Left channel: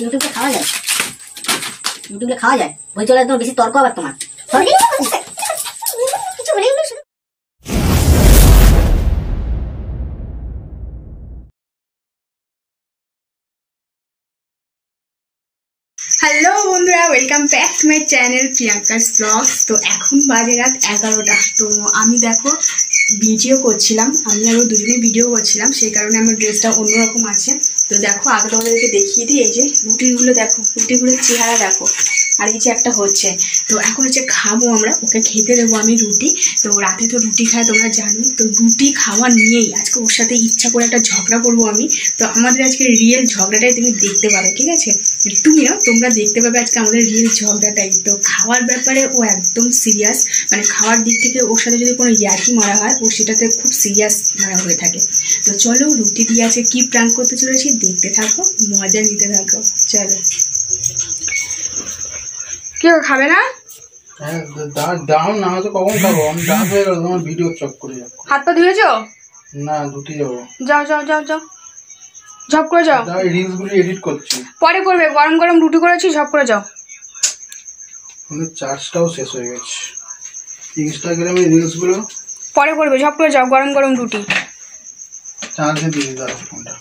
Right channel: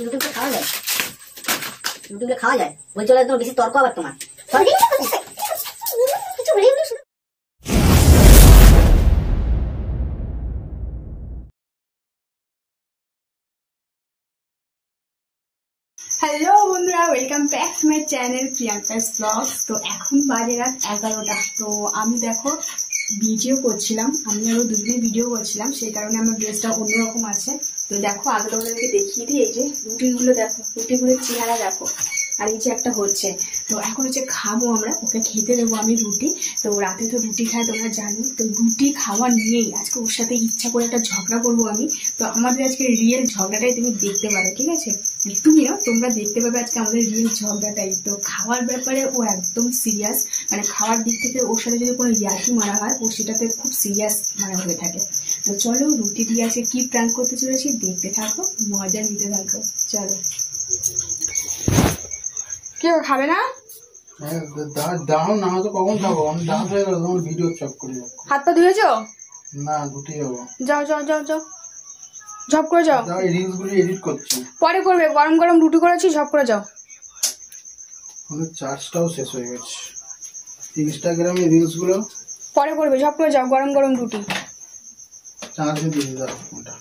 ইউটিউবে খাওয়া যায়, ইউটিউবে খাওয়া যায় বলছে একদম বেশি তর্ক আবার তোমার। হ্যালো বন্ধুরা, welcome back to my channel Priyanka's blogs. তো এখন বাজে রাত 11টা। তো আমি দেখো ভিডিও করছিলাম, আমি আরও দুজনে ভিডিও করছিলাম, সেই কারণে আমার ড্রেসটা অন্যরকম আছে। তো দেখো আগে তোমাদেরকে দেখিয়ে দিই, এই যে রুটিগুলো দেখো, রুটিগুলোর চেহারা দেখো, আর এই যে একটা হচ্ছে। তো এখন হচ্ছে খাবো আমরা, ওকে খেতে দেবো আমি রুটি। তো রাতে তো রুটি খায় তোমরা জানো। তো রুটি খাওয়া নিয়েই আজকে ওর সাথে ইচ্ছা করে একটা ঝগড়া করবো আমি। তো আমাদের আজকে রিয়েল ঝগড়াটাই তুমি দেখতে পাবে, ঠিক আছে? তুমি না, তোমরা দেখতে পাবে আজকে আমাদের রিয়েল ঝগড়াটাই। তো খাওয়ার ব্যাপারে ও একদম সিরিয়াস, মানে খাওয়ার দিক থেকে ওর সাথে যদি কোনো ইয়ার্কি মারা হয় ও সেটাতে খুব সিরিয়াস মারা হয়ে থাকে। তো চলো রুটি দিয়ে আছে কি প্ল্যান করতে চলেছি দেখতে থাকো, মজা নিতে থাকো, চলো। কেউ খাবে না? দাও না, হয়তো কখন খাবো, আমি রাত হয়ে গেল, তোমার ভিডিও চক করে যাও। হাত পা ধুয়েছো? না, ধুতে যাবো। যাও যাও যাও যাও, ঝপ করে যাও। রিলস গুলো এডিট করছি, পরে করবে, গরম গরম রুটি করেছি, ঝপ করে যাও। চার্জটাও শেষ হয়ে গেছে, ইনস্টাগ্রামে রিলস গুলো পরে করবে, ঝপ করে যাও, গরম গরম রুটি। চার্জে দিয়ে দাও ফোনটা,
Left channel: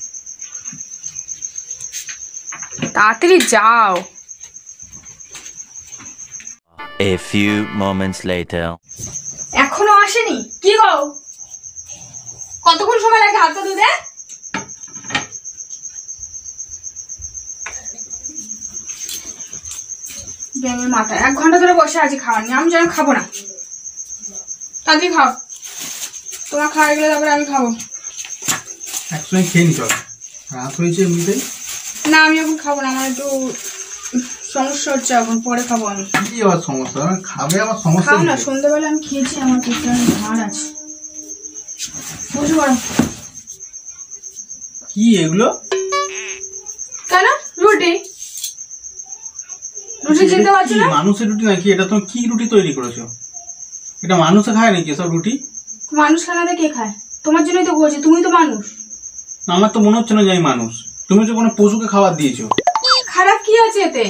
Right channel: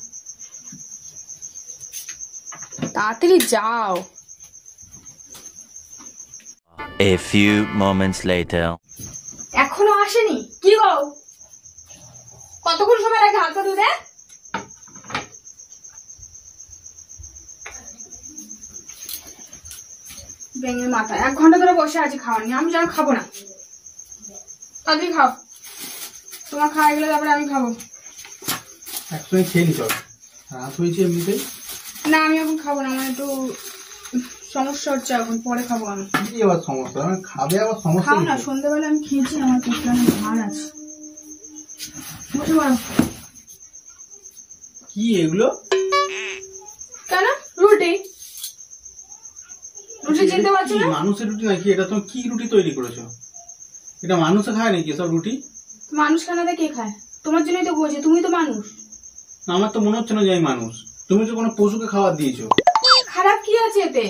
তাড়াতাড়ি যাও। A few moments later. এখনো আসেনি? কি গো, কতক্ষণ সময় লাগে হাত পা ধুতে? বেমের মাথা, 1 ঘন্টা ধরে বসে আছি খাওয়ার নিয়ে, আমি যেন খাবো না। তাড়াতাড়ি খাও, তোমার খাওয়া গেলে তারপরে আমি খাবো। একসঙ্গে খেয়ে নি, চল, রাত হয়েছে এমনিতেই। না আমি এখন খাবো না, আমার একটু সমস্যা হচ্ছে, এখন পরে খাবো আমি। কি আবার সমস্যা? খাবে আবার সমস্যা? খাও না, সন্ধ্যাবেলা আমি খেয়েছি, আমার পেটটা অনেক ভার আছে। বুঝতে পারো কি এগুলো? কেন? রুটি, রুটি চিনতে পারছো না? মানুষের রুটি নাকি এটা? তুমি কি রুটি তৈরি করেছো? এটা মানুষে খায় নাকি এসব রুটি? মানুষ খানাতে কে খায়? তোমার জন্যই তো বলছি, তুমি তো মানুষ। আমার তো মনে হচ্ছে না যে আমি মানুষ। তুমি তো কোনো পশুকে খাবার দিয়েছো। খারাপ কি আছে এতে?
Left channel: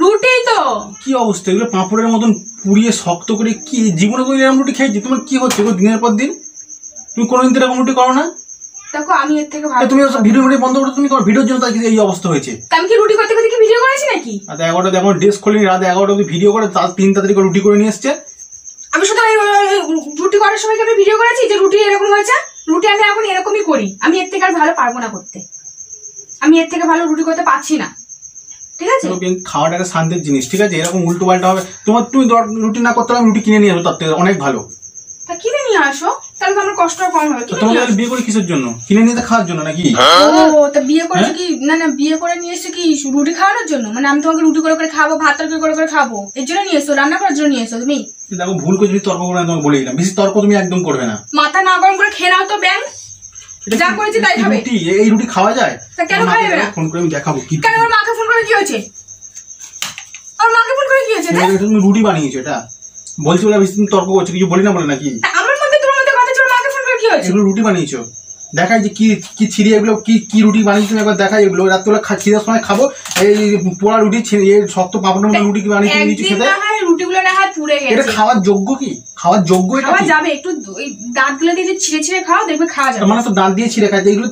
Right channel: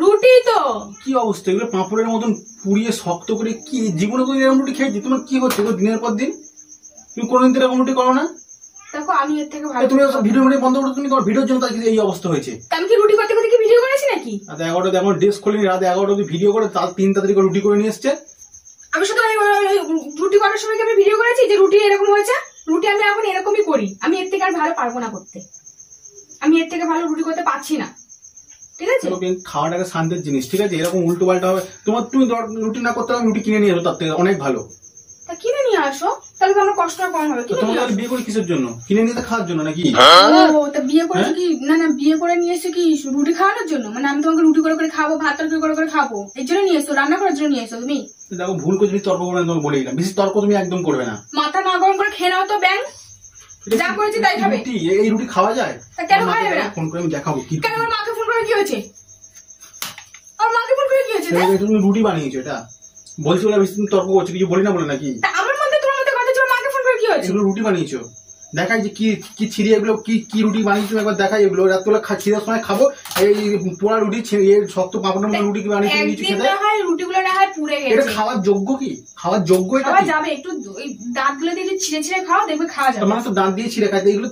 রুটি তো। কি অবস্থা এগুলো? পাঁপড়ের মতন পুড়িয়ে শক্ত করে, কি জীবনে কোনো এরকম রুটি খেয়েছি? তোমার কি হচ্ছে দিনের পর দিন? তুমি কোনোদিন এরকম রুটি করো না? দেখো আমি এর থেকে ভালো। তুমি ভিডিও বন্ধ করে, তুমি তোমার ভিডিওর জন্য তাই এই অবস্থা হয়েছে। আমি কি রুটি করতে করতে কি ভিডিও করেছি নাকি? রাত 11টা এখন ড্রেস খোলেনি, রাত 11টা অব্দি ভিডিও করে, তার 3 তাড়াতাড়ি করে রুটি করে নিয়ে এসছে। আমি শুধু রুটি করার সময় কি আমি ভিডিও করেছি যে রুটি এরকম হয়েছে? রুটি আমি এখন এরকমই করি, আমি এর থেকে আর ভালো পারবো না করতে। আমি এর থেকে ভালো রুটি করতে পারছি না, ঠিক আছে? খাওয়াটা একটা শান্তির জিনিস, ঠিক আছে? এরকম উল্টো পাল্টা হবে তোমার। তুমি রুটি না করতে হবে, রুটি কিনে নিয়ে আসো, তার থেকে অনেক ভালো। তা কিনে নিয়ে আসো, তাহলে তো আমার কষ্টটা কম হবে। তোমাকে বিয়ে করে কিসের জন্য? কিনে নিয়ে খাওয়ার জন্য নাকি? ও তা বিয়ে করেছে কি? না না, বিয়ে করে নিয়ে এসছে কি রুটি খাওয়ানোর জন্য? মানে আমি তোমাকে রুটি করে করে খাবো, ভাত তরকারি করে করে খাবো, এর জন্য নিয়ে এসছো? রান্না করার জন্য নিয়ে এসছো তুমি? দেখো ভুল করে যদি তর্ক করে, তোমাকে বলে দিলাম, বেশি তর্ক তুমি একদম করবে না। মাথা না গরম করে খেয়ে নাও তো ব্যাং, যা করেছি তাই হবে। এই রুটি খাওয়া যায়? কেন খাওয়া যাবে না? ফোন করে আমি দেখাবো কি। কেন? আমার মাকে ফোন করে কি হয়েছে? আমার মাকে ফোন করে কি হয়েছে? তুমি রুটি বানিয়েছো, এটা বলছি বলে বেশি তুমি তর্ক করছো, কিছু বলি না বলে নাকি? আমার মধ্যে তোমার মধ্যে কথা ছিল, মাকে ফোন করে কি হয়েছে? এগুলো রুটি বানিয়েছো, দেখাই যে কি কি ছিঁড়ে, এগুলো কি কি রুটি বানিয়েছো একবার দেখাই। এগুলো রাত্রিবেলা খিদের সময় খাবো। এই পোড়া রুটি, শক্ত পাপড়ের রুটি কি বানিয়েছো খেতে? রুটিগুলো না হয় পুড়ে গেছে। এটা খাওয়ার যোগ্য কি? খাওয়ার যোগ্য এটা? খাওয়া যাবে, একটু দাঁতগুলো দিয়ে ছিঁড়ে ছিঁড়ে খাও, দেখবে খাওয়া যাবে। মানে তো দাঁত দিয়ে ছিঁড়ে খাইতে, এগুলো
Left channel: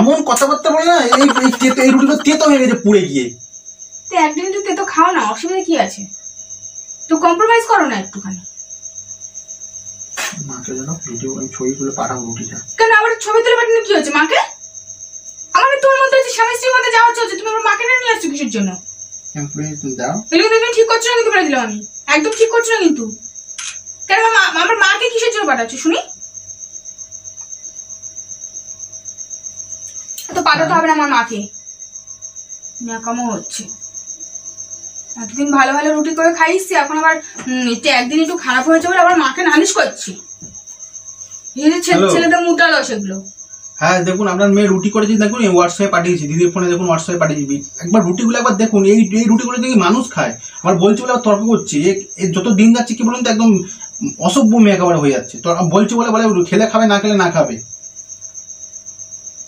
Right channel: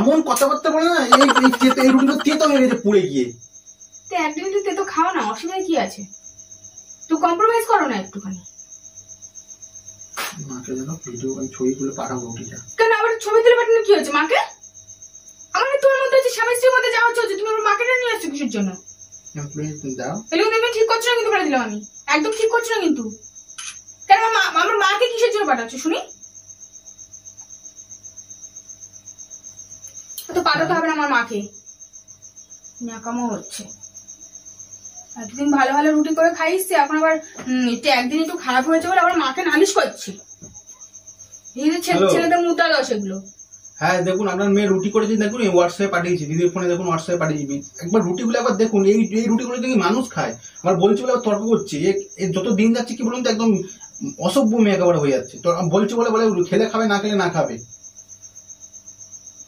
এমন কথাবার্তা বলে না। এই রুটিগুলো তেতো হয়ে গেছে পুড়ে গিয়ে। তো একদিন একটু তেতো খাও না, অসুবিধা কি আছে? তো কম্প্রোমাইজ করো না একটুখানি। মাকে জানো ভিডিও ছবি তুলে পাঠাবো রুটিটা। কেন আবার ছবি তুলে পাঠানো কি হচ্ছে মাকে? আমাদের তোমার মধ্যে হচ্ছে স্বামী স্ত্রীর মধ্যে যাওয়া হচ্ছে, তুমি মাকে নিয়ে আসছো কিসের জন্য? দাও, এগুলো তুমি ঠিক করছো না কিন্তু, বলে দিলাম আমি, একদম ঠিক করছো না কিন্তু। কেন আমার মাকে কিসের জন্য পাঠাচ্ছো শুনি? তো পাঠাতে হবে না আমার মাকে, ন্যাকামো হচ্ছে। এতদিন ভালো ভালো রুটি করে খাইছি, এখন আবার একদিন একটু খারাপ হয়েছে বলে আবার মাকে নালিশ করছি। ছেলেদের মুদ্রা দাও সেগুলো। হ্যাঁ দেখুন, আপনার মেয়ে রুটি করেছি, দেখুন হোয়াটসঅ্যাপে পাঠিয়েছি, দিদির ফোনে দেখুন, হোয়াটসঅ্যাপে পাঠিয়েছি। একবার রুটিগুলো একবার দেখুন, এই রুটিগুলো দেখি মানুষ খায়। আবার বলছে বলে তর্ক করছি। যত দিন যাচ্ছে কি বলুন তো, একদম অসভ্য মেয়ে একেবারে হয়ে যাচ্ছে। তো বলছে বলে খেলে খাবে, না খেলে না খাবে।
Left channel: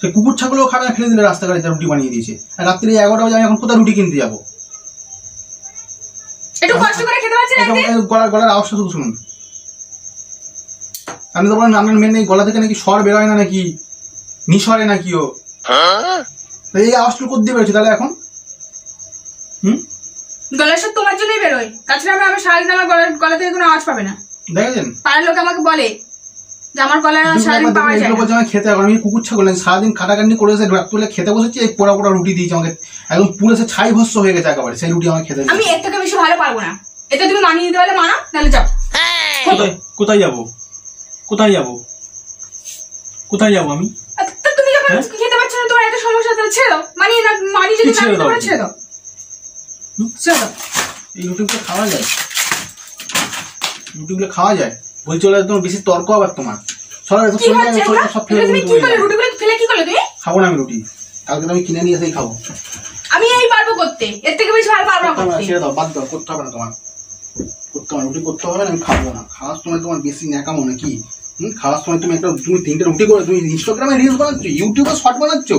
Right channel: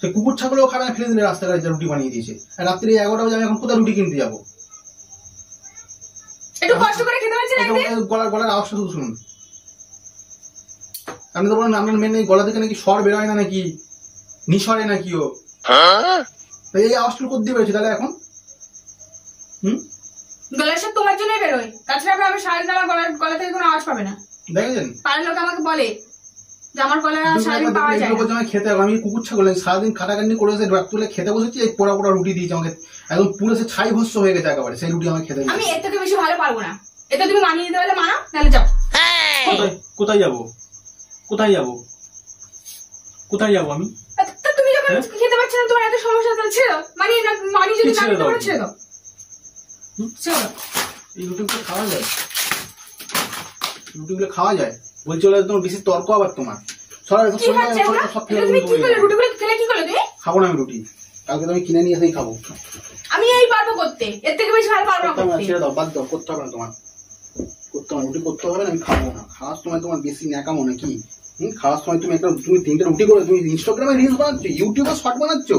সে কুকুর ছাগলও খাবে না, ফেলে দিলে রাস্তাঘাটে রুটি বানিয়ে দিয়েছে। আর রাত্রি 11টা বাজে আমি এখন কোথায় রুটি কিনতে যাবো? একটু কষ্ট করে খেতে পারছেন গলার আওয়াজটা শুধু শুনুন। আমি তো বললাম আপনার মেয়ে গলা থেকে নাকি স্বর বেরোয় না, নাকি নিঃস্বরে নাকি ও, এই আওয়াজটা করতে বেরোচ্ছে তাহলে এখন? গলার স্বর তোমার জন্যই বেরোয়, তাছাড়া আমি সারাদিন আমার গলা থেকে কোনো আওয়াজ পাবে না। দেখেছেন পাড়ার লোক আমাকে বলে যে আমার গলার সারাদিন পাওয়া যায় না। খেতে আমি কুকুর ছাগল সারাদিন খাটাখাটনি করে এসে তুলে খেতে বসেছি, এই পোড়া পোড়া রুটি দিয়েছে আমাকে, একদম পুরো সে ছাই ভস্য হয়ে গেছে একেবারে, সেই রুটি আমাকে খেতে। আমি এর থেকে বেশি ভালো পারবো না, এটা তুমি মানিয়ে দিতে পারলে মানা, নাহলে যাও। কোথায় যাবো? কোথায় যাবো? কোথায় যাবো আমি? তুমি যখন খেতে পারছো না, তোমার এত সমস্যা, তাহলে ছেড়ে দাও। মানিয়ে না, মানিয়ে যদি ছেড়ে দাও, ছেড়ে দাও, ছেড়ে দাও। এই রুটিগুলো খাওয়া যায়? রুটিগুলো খাওয়া যায়? বলছি ওরা তোমার বেশি তর্ক আবার তোমার। খাবো না আমি রুটি, কালকে তো আমি কিনে নিয়ে এসেই খাবো। আমি এই পারবো করতে, এর থেকে বেশি ভালো পারবো না। ছেড়ে দাও, বাদ দাও, করতে হবে না তোমার, করতে হবে রুটি করতে হবে না, আমি খাবো না। খাওয়ার সময় তোমার বেশি ন্যাকামো নাকি? খাওয়ার সময় তুমি তুমি 3টে রুটি করে তুমি ইনস্টাগ্রামে রিলস বানাচ্ছ, ইউটিউবে শর্ট বানাচ্ছ,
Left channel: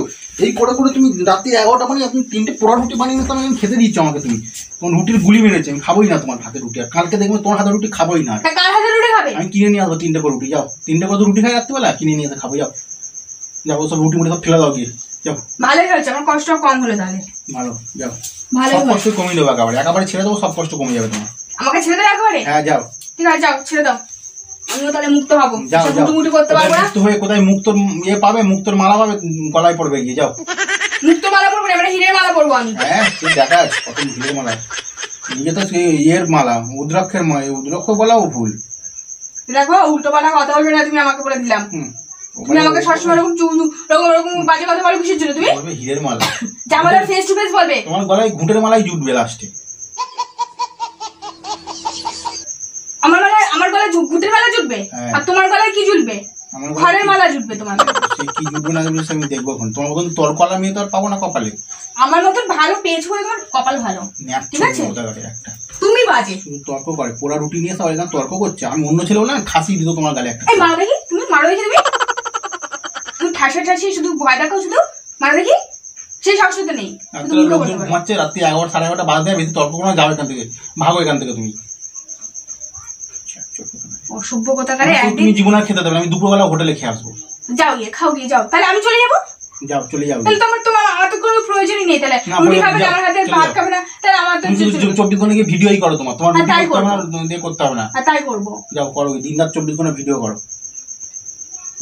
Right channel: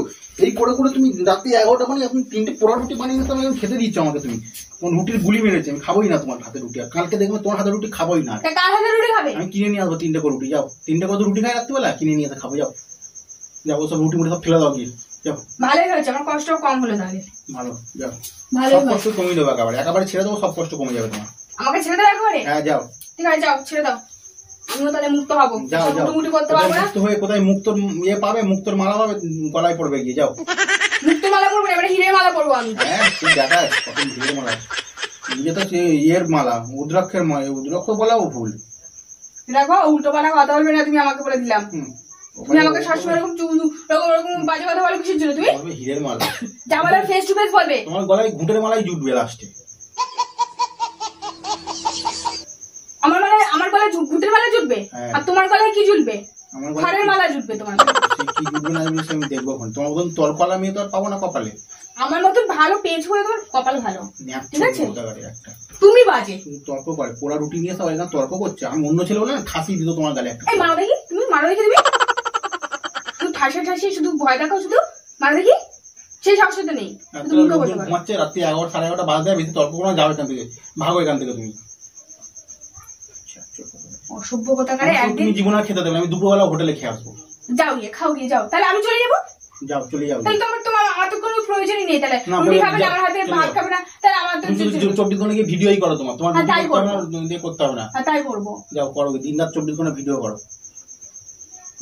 এই করে করে তুমি রাতে 11টা মানে তুমি 3টে পোড়া রুটি বানিয়ে তোমাকে খেতে দিচ্ছ আমাকে। তুমি তোমার রুটির গুলি মেরেছে, আমি খাবোই না তোমার হাতের রুটি। আর কালকে দেখবে তোমার হাতের রুটি খাবোই না। কার হাতের রুটি খাবে? আমি কিনে নিয়ে আসবো 3টে করে রুটি। যাও, 3টে করে রুটি খাই রাত্রিবেলা, কিনে নিয়ে এসে খাবো। যাও যাবো, সব রুটি মুটি সব ফেলে দাও গিয়ে। যাও, ভালোই হয়েছে, আমার কষ্ট কম হলো তাহলে। ভালো, যাও, ভালো কষ্ট কমিয়ে দেবো একেবারে ছেড়ে দেবো, সব কষ্ট কমে যাবে তোমার। আমাকে ছেড়ে দাও একবারে? হ্যাঁ যাও, ঠিক আছে যাও, ছেড়ে দাও, আমিও তাহলে মুক্ত হবো। যাও যাও, মুটি করতে পারবো না। মুক্ত হয়ে কোথায় মুক্তর ইয়ে পাবে, মুক্তর মালা পাবে, গলায় পড়বে গিয়ে। যাও, মুক্ত মালা পরবো না, এবারে হিরের মালা পরবো আমি। হ্যাঁ তুই দেখাস কত হিরের মালা, ইয়ে তো ইয়ের মালা, উদ্রাক্ষের মালা, উদ্রাক্ষ বলাও ভুল। দেখো উল্টো পাল্টা কথা বলবে না, তুমি আমাকে বলে দিলাম। তুমি আমাকে সবসময় এরকম ওরকম বাজে কথা বলো কিসের জন্য? তুমি বলবে হিরের মালা, যা বলে ফেস টু ফেস বলবে। তোমার গলায় ঘুঁটের মালাই জুটবে লাস্টে। আমার গলায় ঘুঁটের মালা জুটবে, আর তোমার গলায় কি জুটবে? ঘরের মালা জুটবে তোমার। কি জুটবে না জুটবে আমি দেখবো এখন। তোমার মতন তোর কলা মেয়ে তো আর পাবো না কপালে। আমার মতন ভালো পেজ করে তোমার কপাল ভালো, ঠিক আছে? একটা তুমি বাজে তর্ক করে, পোড়া রুটি নিয়ে সবাই তর্ক করছে। আমি অন্য ছেলে বলে খাসি দিত তোমার গালে একটা। এই মারো দেখি, তুমি মারো দেখি, তুমি ঠাসা ঠাসি শুধু ভয় দেখো, শুধু মারো দেখি, সেই সাহস তো নেই। ঘুমাচ্ছে রাত্রি 11টা 11:30 বাজে, বেশি তর্ক কোনো যাও এখান থেকে, ভাগো এখান থেকে তুমি। অসভ্য কথাকারে তুমি জীবনে খেতে দেবে, আমি দুপুরবেলা হোটেলে খেয়ে আসবো। যাও গিয়ে খাও, গিয়ে যাও, তাহলে আমি চলে যাবো। যাও, চলে যাও। তাহলে তোমার আমার তো কোনো প্রয়োজনই নেই। তাহলে রুটি খাবে না, আমার হাতে ভাত খাবে না, তাহলে আমার তো 24 ঘন্টা কি ভিডিওই করো তোমার তাই করতে হবে না। তাই করবো, যাও করো, দিন রাত 24 ঘন্টা ভিডিও করো।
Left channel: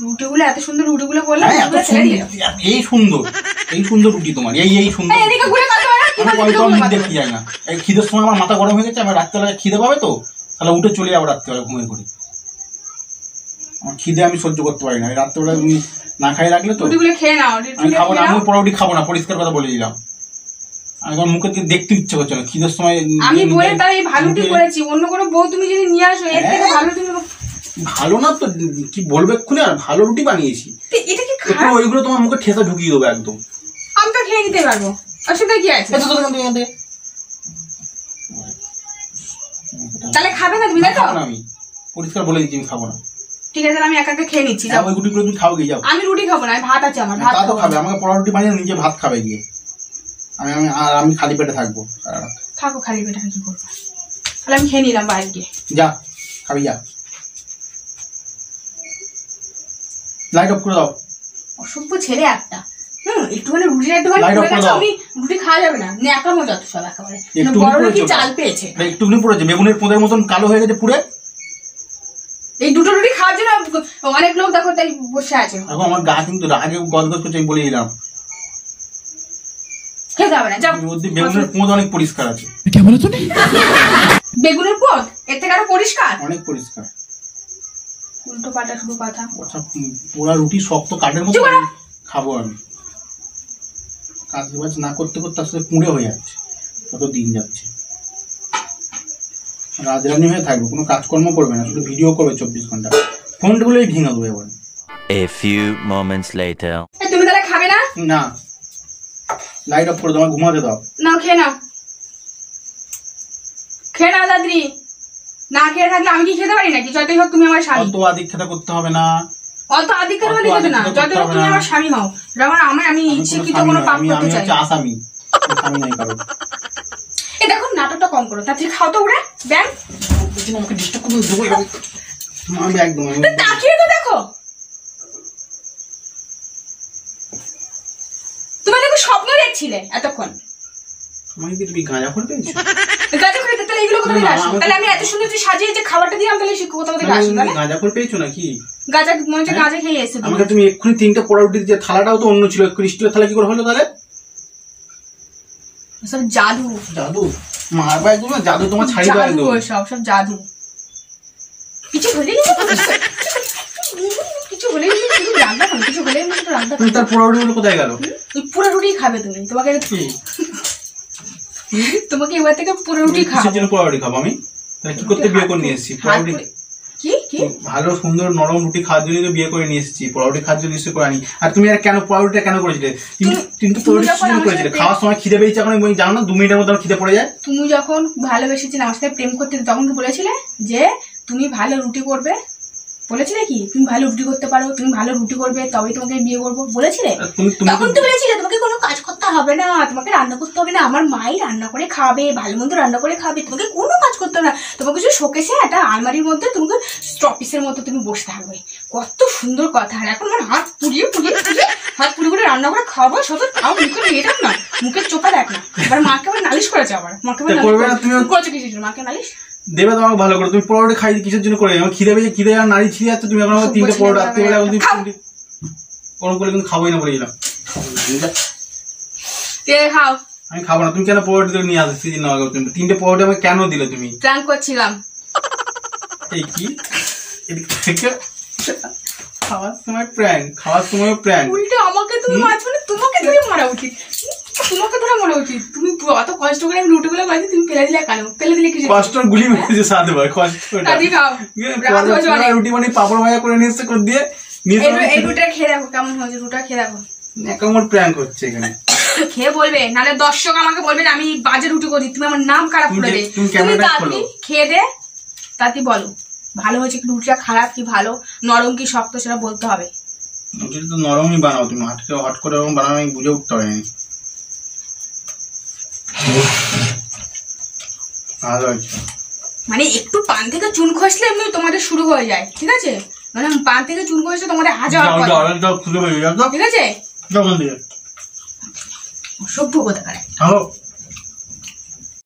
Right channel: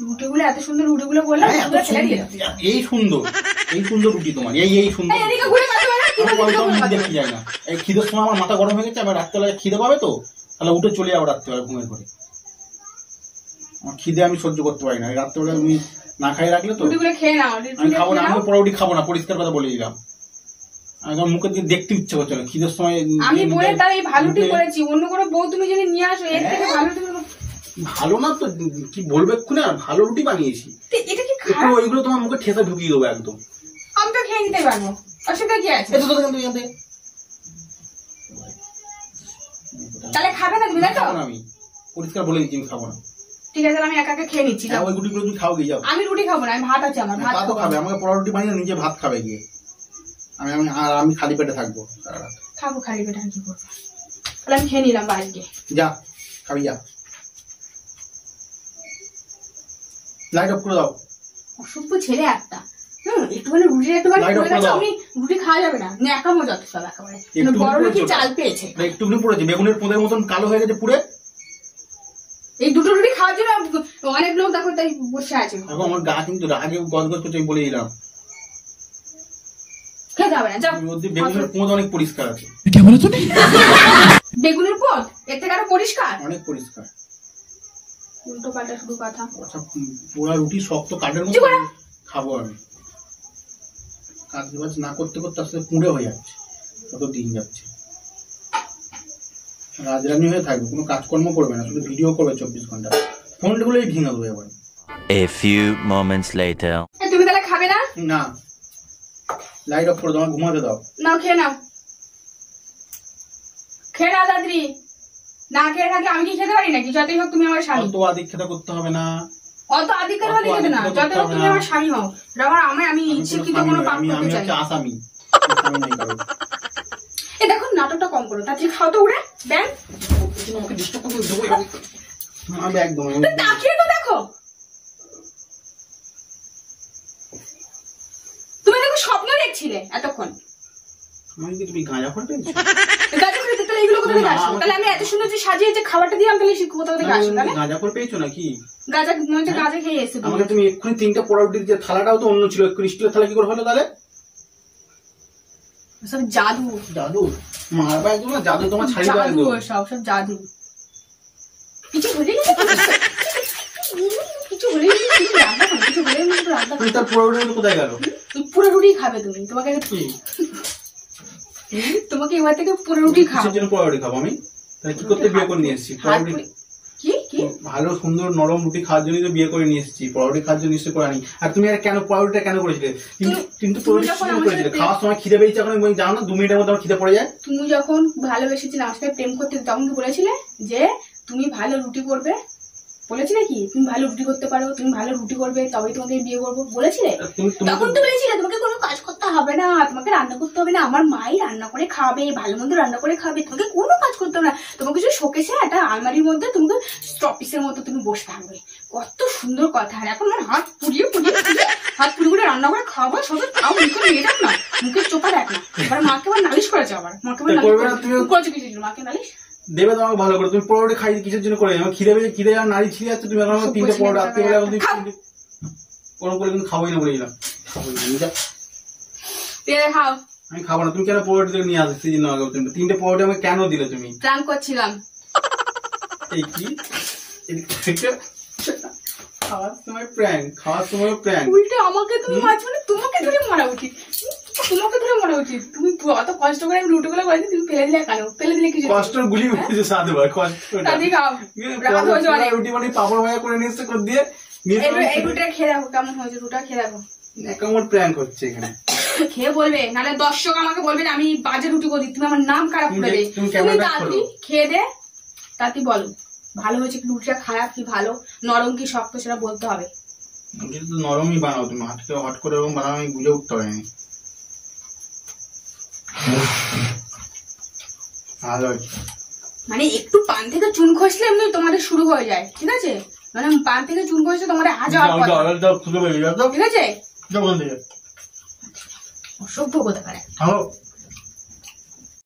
রুটিগুলো এত সুন্দর, রুটিগুলো করলে এই সুন্দর, এই সুন্দর রুটি তোমার, এই সুন্দর দেখতে যায় না। এই খিদের সময় আমার মাথা গরম হয়ে গেছে, আমার রাত্রেবেলা খিদে পাবে তো, তাহলে উঠে চলে যাবো রাত্রেবেলা ঘুমের ঘরে। আমার খিদে আমি সহ্য করতে পারি না, রাত্রেবেলা তুমি না খাই রাখলে তো। খেয়ে নাও, আমি খাবো না, আমি পরে রুটি খাবো না, পরিষ্কার কথা বলে দিলাম। আমি তোমার মুখের দিকে দেখতে ইচ্ছে করছে না খিদের সময়। আমি বলে তাই ভালো রুটি করেছি, অন্য কোনো বউ তুমি যদি নিয়ে আসো এর থেকে ভালো তুমি। ভালো না তো কি বলবে এক্ষুনি, আর ভালো রুটি বানিয়েছি। এটা কি খারাপ? ওইগুলো তোমার মুখে ঠেসা ঢুকিয়ে দেবো একদম। আমি তো খেয়ে নিতে পারবো, অসুবিধা কি আছে? তাহলে খাবে না তুমি? দেখো আমি পরিষ্কার বলে দিচ্ছি আমি খাবো না। ঠিক আছে, আমি একা একা খেয়ে নিচ্ছি। ওই রুটিগুলো তুমি খাও গিয়ে। যাও, আমি রুটি খাবো না, আমি ভাত আছে আমার, ভাত খাবে। আমাকে পোড়া রুটি বানিয়ে নিজে ভাত খাবে গিয়ে। আমি খালি পেটে থাকবো। থাকো খালি পেটে, কি করবো? তাহলে আমি খেয়ে নিলাম বাইরে গিয়ে। যা খাবি, যা। লাইট অফ করে দাও। অসভ্য ছেলে একটা। একটুখানি রুটিটা একটুখানি আমি রুটি খাওয়া যাবে না, একা মজা তো সব একেবারে। বড় কি চাল পেয়েছে, একটুখানি পড়েছে, বেগুনের পোদের মতন কালো হয়ে গেছে পুরে। এই দুটো রুটি খাওয়ার জন্য অনেক লোক দেখো তাই বসে আছে। এখন আমার গা কিন্তু রাগে গজগজ করছে, আমি বলে দিলাম খেতে হবে না, যাও। বেগুনের পোদ অনেক পরিষ্কার আছে। বেগুনের পোদ এর থেকে আরো পরিষ্কার? অনেক পরিষ্কার। উল্টো পাল্টা শুধু কথা। পুরা রুটি শক্ত কাঠের মতো খাবো আমি। কাজ বাজ না করতে করতে আসলে পুড়ে হয়ে যাচ্ছে, কত দিন যাচ্ছে। রাজরানী হয়ে থাকবে, কোনো কাজকর্ম করবে না, শুধু ভিডিও করবে 24 ঘন্টা। ফোনগুলোই ভেঙে দেবে এবার। A few moments later. তুমি তাহলে খাবে না? না, লাইট অফ করে দাও, আমার ঘুমাতে দাও। নাও খেয়ে নাও, খেয়ে নাও দাদি। না খেয়ে থাকলে আমি কি খেতে পারি নাকি? যতই হোক তুমি আমার স্বামী। তো আদিক খেতে করতে হবে না, অত আধিকারবাদী হবে না, যত তুমি আমার স্বামী হও। আমি শিক্ষিত কোনো পাপ করতে চাই। আসামি এ দেখো নাটকটা কম করো, তাড়াতাড়ি খাও তো উড়ে ব্যাং। আমাকে ডিস্টার্ব করতে দেবো আমি একদম তাকিয়ে তো দেখো, তুমি দেখো স্বপ্ন দেখছিলে এতক্ষণ। আমি কি তুমি গাঁজা করে পেয়েছো? গাঁজা করে তাহলে এগুলো কোথা থেকে আসলো? তাহলে আমি এত সুন্দর যে সাজিয়ে যে খাবারটা দিলাম তাহলে সে কোথা থেকে আসলো? তাহলে গাঁজা করে পেয়েছো নাকি? গাঁজা মনে হচ্ছে গাঁজা খেয়ে এসেছো আমাকে তুমি এক্ষুনি 3টা পরোটা দিয়ে, থালাটাও তো অন্য ছিল, স্টিলের থালা কি করে হলো তাহলে? সব জাদু জাদু মারবা একদম না, জাদু তোমার ছাড়ি পারে জাদু, সব সব জাদু। কিছু বলে কিছু বলে রান্না করো, কিছু বলে রান্না করো। তার পরোটা কোথায় গেল? পুরো রুটি খাবে তুমি, তোমাকে এবার থেকে পুরো রুটি খাবো। জন্য পরোটা খাবো আমি? তাহলে কি করতে বিয়ে করে নিয়ে এসেছি? পরোটা কি কি ভালো সুন্দর নরম রুটি খাওয়ার জন্য তো বিয়ে করে নিয়ে এসেছি, পরোটা খাওয়ার জন্য নিশ্চয় করে আনি। আর তুমি আর কেন পরোটা কেন করেছিলে? কিন্তু পরোটা করেছিলে খাওয়ার সময় খিদে পেয়েছে, এখন জানো না 2 মিনিটের মধ্যে আমার খিদে পড়ে যায়। তুমি যখন ভালোবেসেছিলে আমার সাথে প্রেম করতে, তখন কি বলেছিলে যে তুমি ভালো রুটি করবে? বলেছিলে কি তুমি ভালো রুটি করতে পারো, তুমি ভালো রুটি করবে তবেই তোমাকে বিয়ে করবো বলেছিলে? তখন তো বলেছিলে তোমাকে কোনো কাজ করতে হবে না, তোমাকে রান্না করতে হবে না, আমার মাই রান্না করে খাবে, ভালো মন্দ রান্না করে খাবে, তোমাকে কোনো কাজ করতে হবে না, তোমাকে শুধু শোকেসে একটা আলমারির মধ্যে তোমাকে স্টপিসের মতো তুমি বসে থাকবে। কত সুন্দর কথা। আর এখন আমার হাত পুড়িয়ে হাত পুড়িয়ে করে রান্না করে খাবো, শুধু খাও মুখে নিয়ে যাও না, মুখের চোখা দেখ না। এবার মাকে আবার নালিশ করেছে, আবার মাকে আবার করেছে কিছু, মাকে নালিশ দেবে তোমাকে ভালো করে। তুমি পরোটা খাই কিসের জন্য করে? আমার খিদে পেয়ে খিদে আর নারী ছিঁড়ে যাচ্ছে, তুমি এখন আমার 3টে পরোটা রাত্রে বেলা কোনো করে কিন্তু খাবোই না বলেছিলাম। খাও। আমি খাবো না। তুমি কেন পরোটা নিয়ে আসছি? 3টে পরোটা আমাকে কেন দিলে তুমি? প্ল্যান করছিলাম। এই কি খাওয়ার সময় প্র্যাঙ্ক, খাওয়ার সময় প্র্যাঙ্ক। উল্টে আমাকে তুমি মারছো, তোমাকে ধরে মারা উচিত, তোমাকে ধরে মারা উচিত। তুমি অত কষ্ট করে আমি রুটি গুলো করেছি, তুমি ফেলে দিলে কেন? ফেলে দিলে কিছু কষ্ট গুলি মেরেছে সাথে ভাই, রুটি মানে পাপড় ভাজা করে নিয়ে এসছে করে দিয়ে এই রুটিটা খেয়ে দেখো কেমন হয়েছে, রুটা খেয়ে দেখো। কেমন প্র্যাঙ্ক হচ্ছে এখানে? খেয়ে বলবে, নাহলে দর্শক আমাকে বলবে আমি বাজে রুটি করি, তুমি আমার নাম খারাপ করে দেবে। তুমি তাড়াতাড়ি খেয়ে দে, তাড়াতাড়ি বলো ভালো হয়েছে কি রুটিটা খারাপ কি ভালো, নরম কি শক্ত সেটা বলতে হবে। রুটিটা তো নরমই বানাও তুমি, হট করে এরকম বানাও, আমি বুঝে উঠতে পারিনি। ভালো হয়েছে। মানে একটু পান থেকে চুন খসলে এমনি তোমাদের শুরু হয়ে যায়, ঠিক আছে? মানে পান থেকে চুন খসলে তোমাদের হাজার ঠিক আছে? অসভ্য কোথাকার।